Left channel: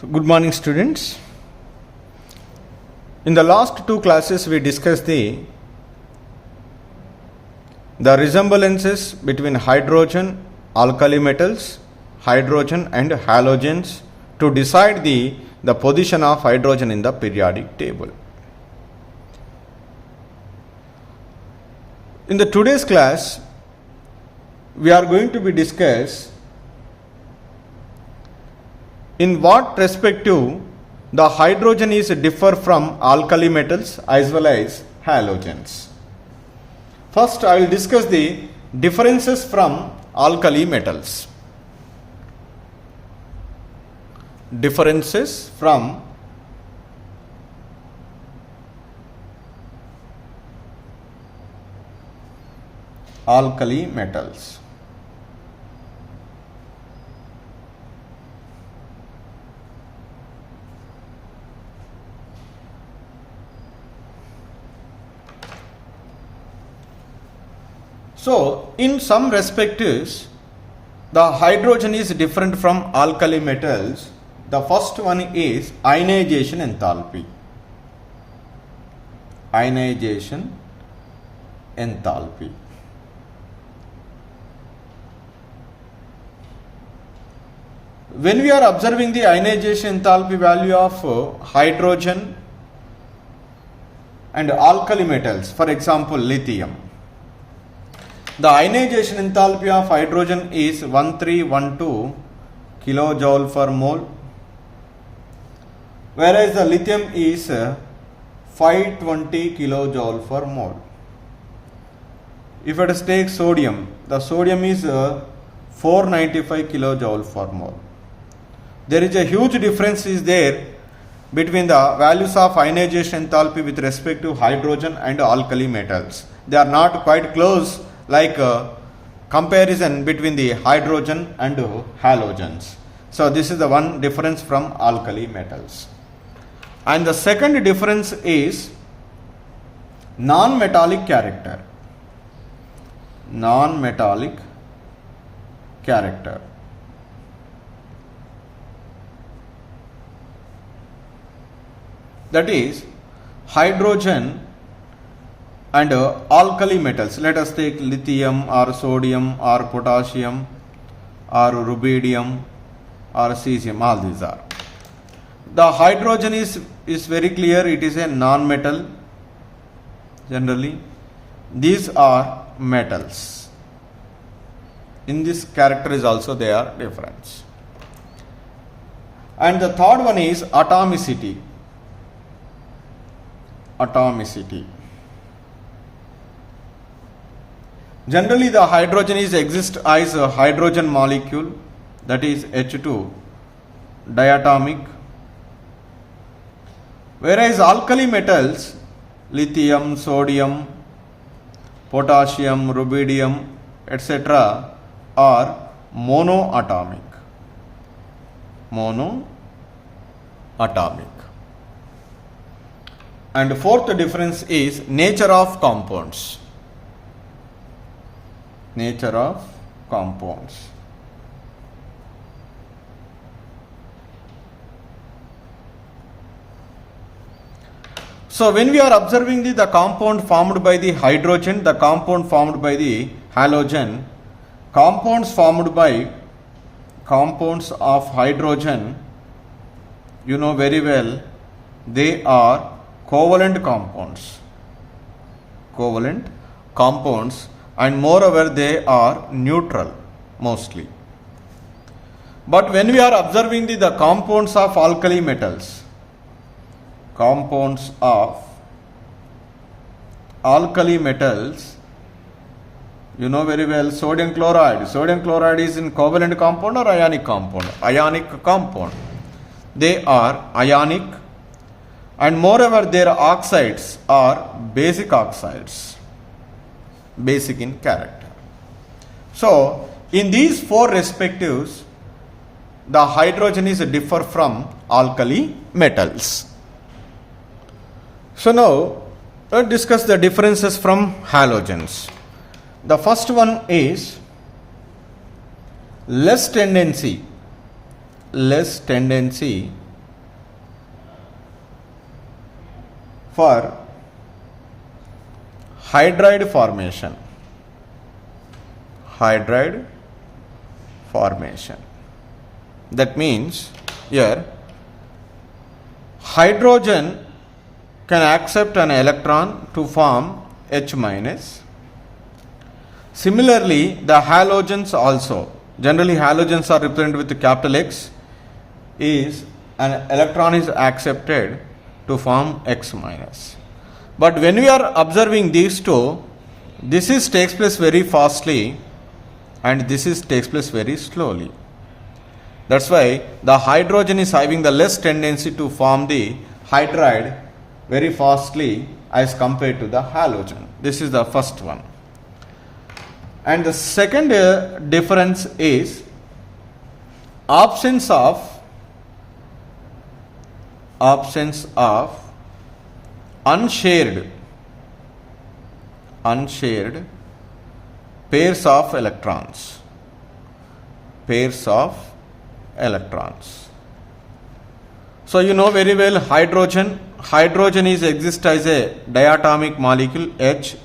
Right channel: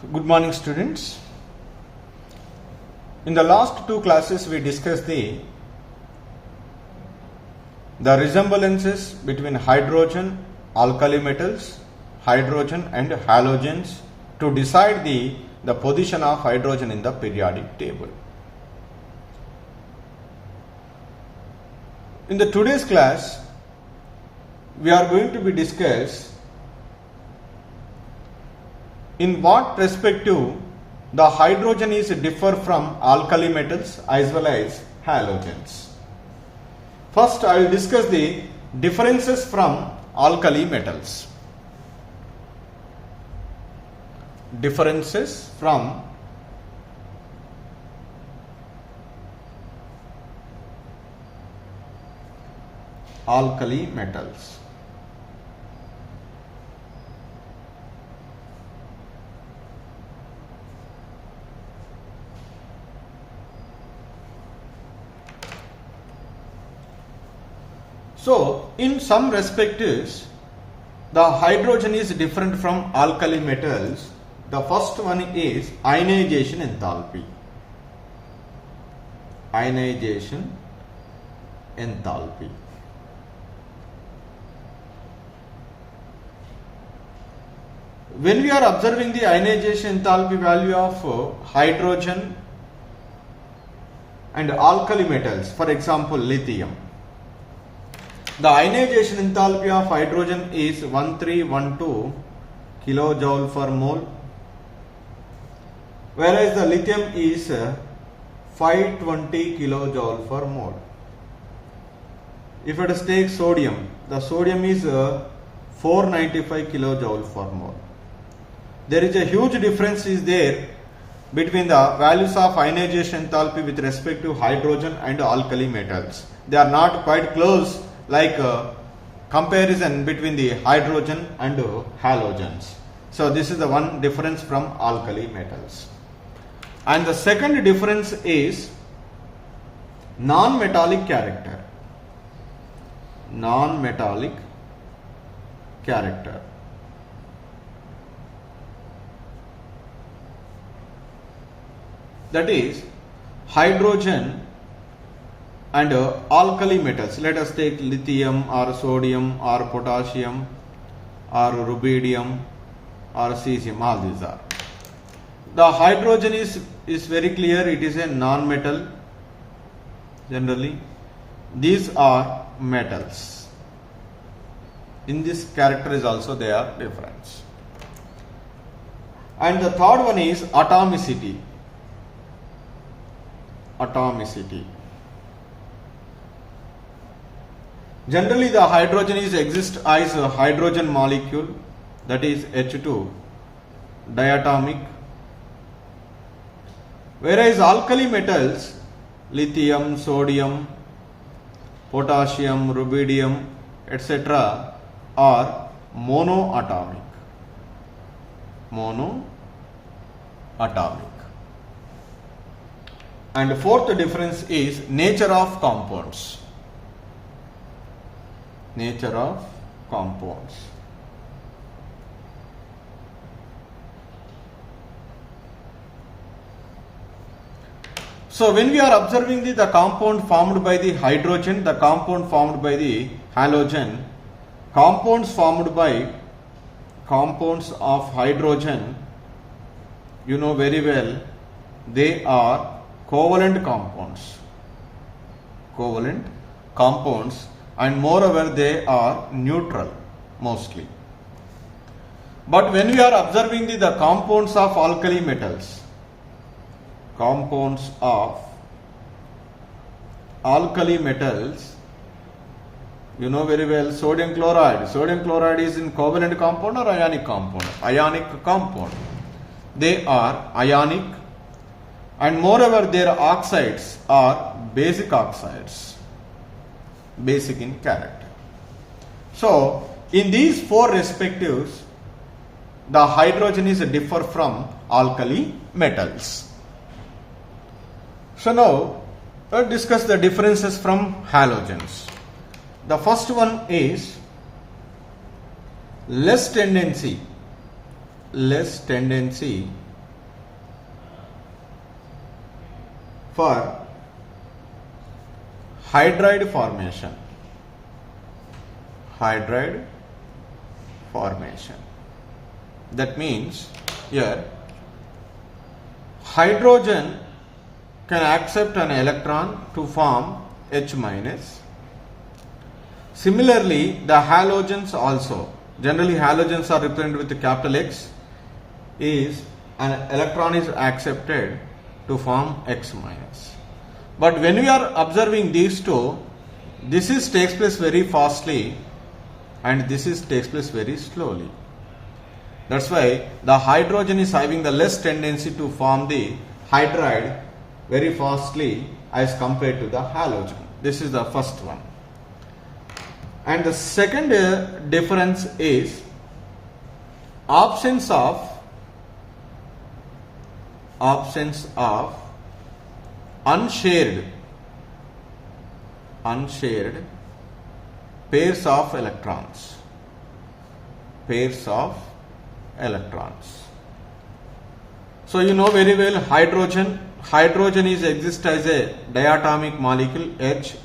So, good morning students. In the last two classes we discussed the resemblances between hydrogen, alkali metals, hydrogen and halogens to decide the position of hydrogen in the periodic table. In the today's class we are going to be discuss in what perspective the hydrogen is differ from alkali metals as well as halogens. First, I will discuss the differences from alkali metals. Differences from alkali metals. So, in some respects, the hydrogen is different from alkali metals. The first one is ionization enthalpy. Ionization enthalpy. When we are observing the ionization enthalpy value of hydrogen and alkali metals, for example lithium, the ionization enthalpy of hydrogen is 1312 kilojoule per mole, whereas the lithium is 520 kilojoule per mole. If it is take sodium, the sodium is 495 kilojoule per mole. There is a huge difference is there between the values of ionization enthalpy with respect to hydrogen and alkali metals. They are not quite close like comparison between the hydrogen and halogens. So this is the one difference from alkali metals. And the second difference is non-metallic character. Non-metallic character. That is hydrogen and alkali metals. Let us take lithium or sodium or potassium or rubidium or cesium. All these are. The hydrogen is very clear. It is a non-metal. Generally, these are metals. In this character is also they are different. And the third one is atomicity. Atomicity. Generally, the hydrogen is exist as a hydrogen molecule, that is H2 diatomic, whereas alkali metals, lithium, sodium, potassium, rubidium, etc. are monoatomic. Monoatomic. And fourth difference is nature of compounds. Nature of compounds. So when we are observing the compound formed by the hydrogen, the compound formed by the halogen, compounds formed by compounds of hydrogen, you know very well, they are covalent compounds. Covalent compounds. And moreover they are neutral mostly. But when we are observing the compounds of alkali metals, compounds of alkali metals, you know very well sodium chloride. Sodium chloride is in covalent compound or ionic compound? Ionic compound. They are ionic, and moreover their oxides are basic oxides. Basic in character. So, in these four respectives, the hydrogen is differ from alkali metals. So now, let's discuss the differences from halogens. The first one is less tendency for hydride formation. Hydride formation. That means here hydrogen can accept an electron to form H minus. Similarly, the halogens also. Generally, halogens are represented with the capital X. Is an electron is accepted to form X minus. But when we are observing these two, this takes place very fastly and this takes place very slowly. That's why the hydrogen is having the less tendency to form the hydride very fastly as compared to the halogen. This is the first one. And the second difference is absence of unshared pairs of electrons. So you know very well hydrogen is exist as a diatomic molecule H.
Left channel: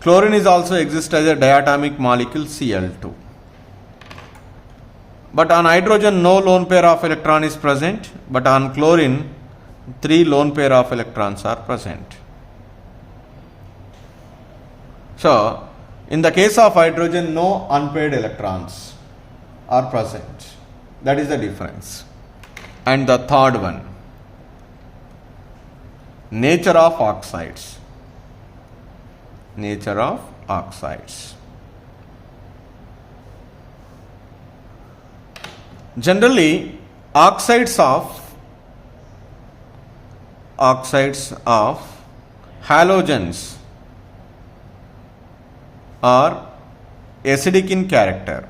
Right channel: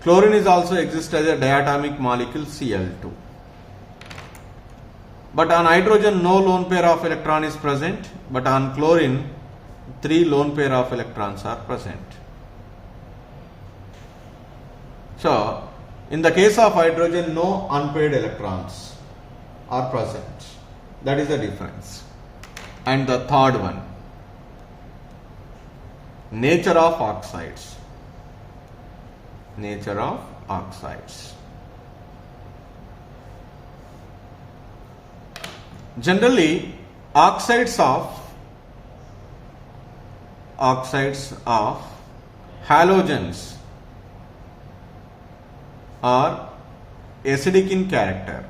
Chlorine is also exist as a diatomic molecule Cl2. But on hydrogen no lone pair of electron is present, but on chlorine 3 lone pair of electrons are present. So in the case of hydrogen no unpaired electrons are present. That is the difference. And the third one, nature of oxides. Generally, oxides of halogens are acidic in character,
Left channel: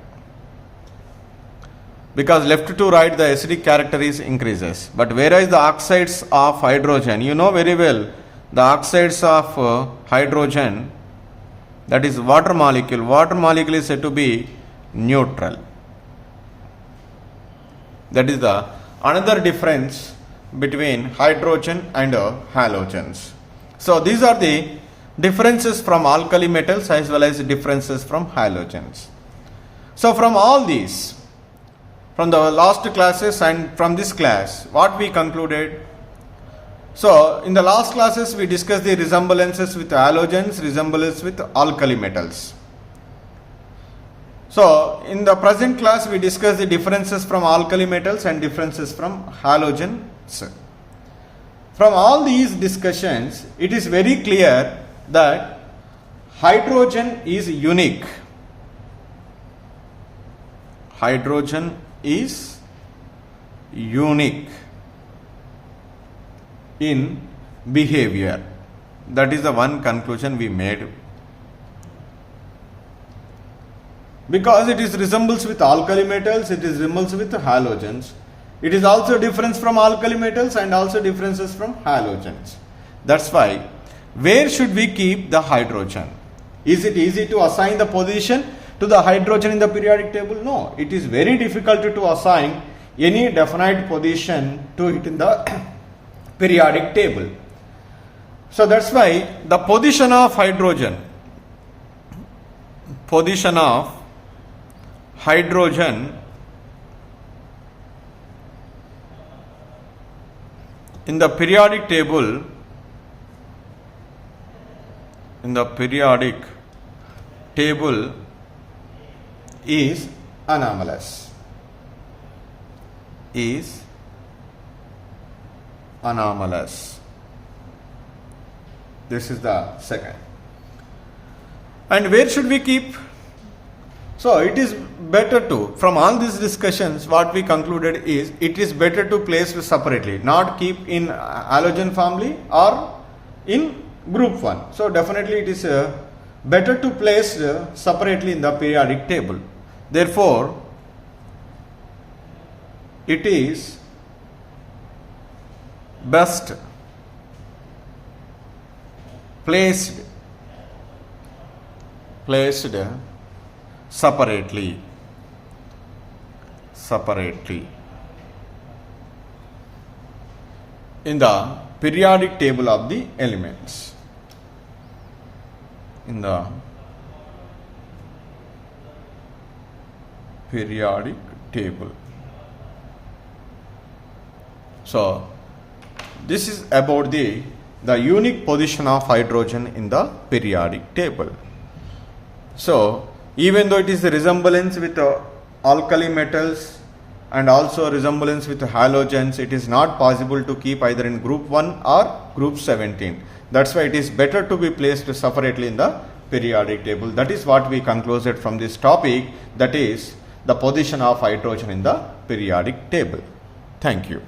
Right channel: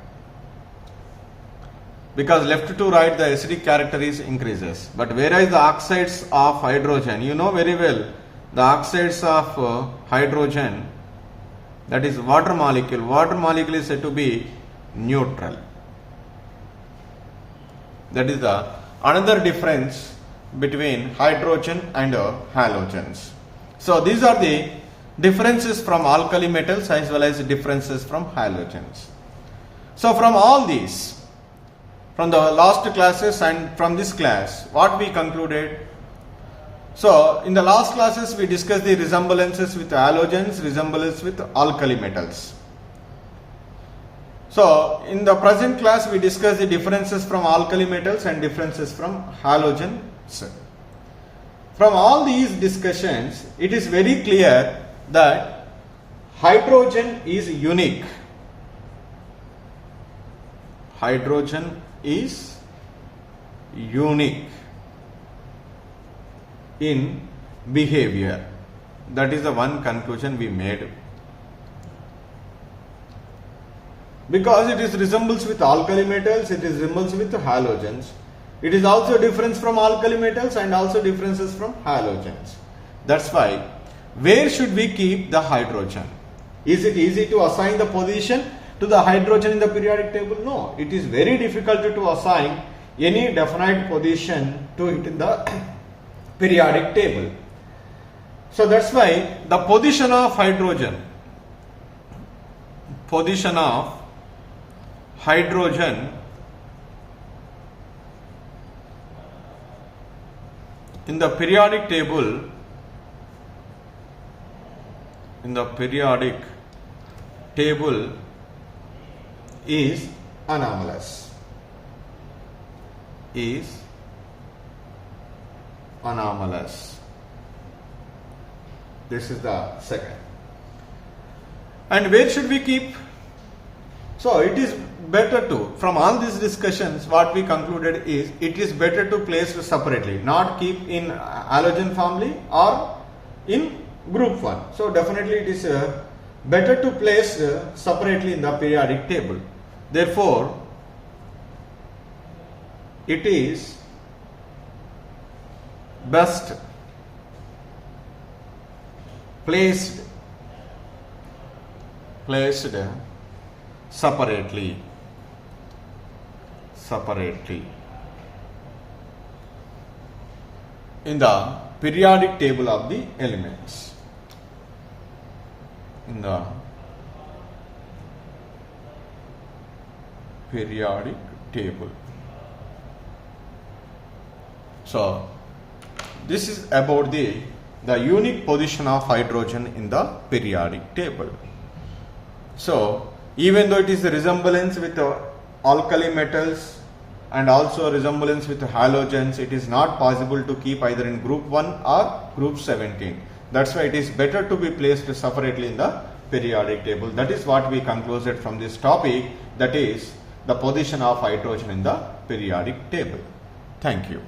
because left to right the acidic character is increases. But whereas the oxides of hydrogen, you know very well, the oxides of hydrogen, that is water molecule is said to be neutral. That is the another difference between hydrogen and halogens. So these are the differences from alkali metals as well as differences from halogens. So from all these, from the last classes and from this class, what we concluded? So in the last classes we discussed the resemblances with halogens, resemblance with alkali metals. So in the present class we discussed the differences from alkali metals and differences from halogens. From all these discussions, it is very clear that hydrogen is unique. Hydrogen is unique in behavior. That is the one conclusion we made. Because it is resembles with alkali metals, it is resembles with halogens. It is also difference from alkali metals and also differences from halogens. That's why, where should we keep the hydrogen? Is it easy to assign the position to the hydrogen in the periodic table? No, it is very difficult to assign any definite position to it in the periodic table. So that's why the position of hydrogen in the periodic table is anomalous. This is the second. And where should we keep? So it is better to, from all these discussions, what we concluded is it is better to place separately, not keep in halogen family or in group 1. So definitely it is better to place separately in the periodic table. Therefore, it is best placed separately in the periodic table of the elements. In the periodic table. So this is about the unique position of hydrogen in the periodic table. So even though it is a resemblance with alkali metals and also resemblance with halogens, it is not possible to keep either in group 1 or group 17. That's why it is better to be placed separately in the periodic table. That is what we concluded from this topic, that is the position of hydrogen in the periodic table. Thank you.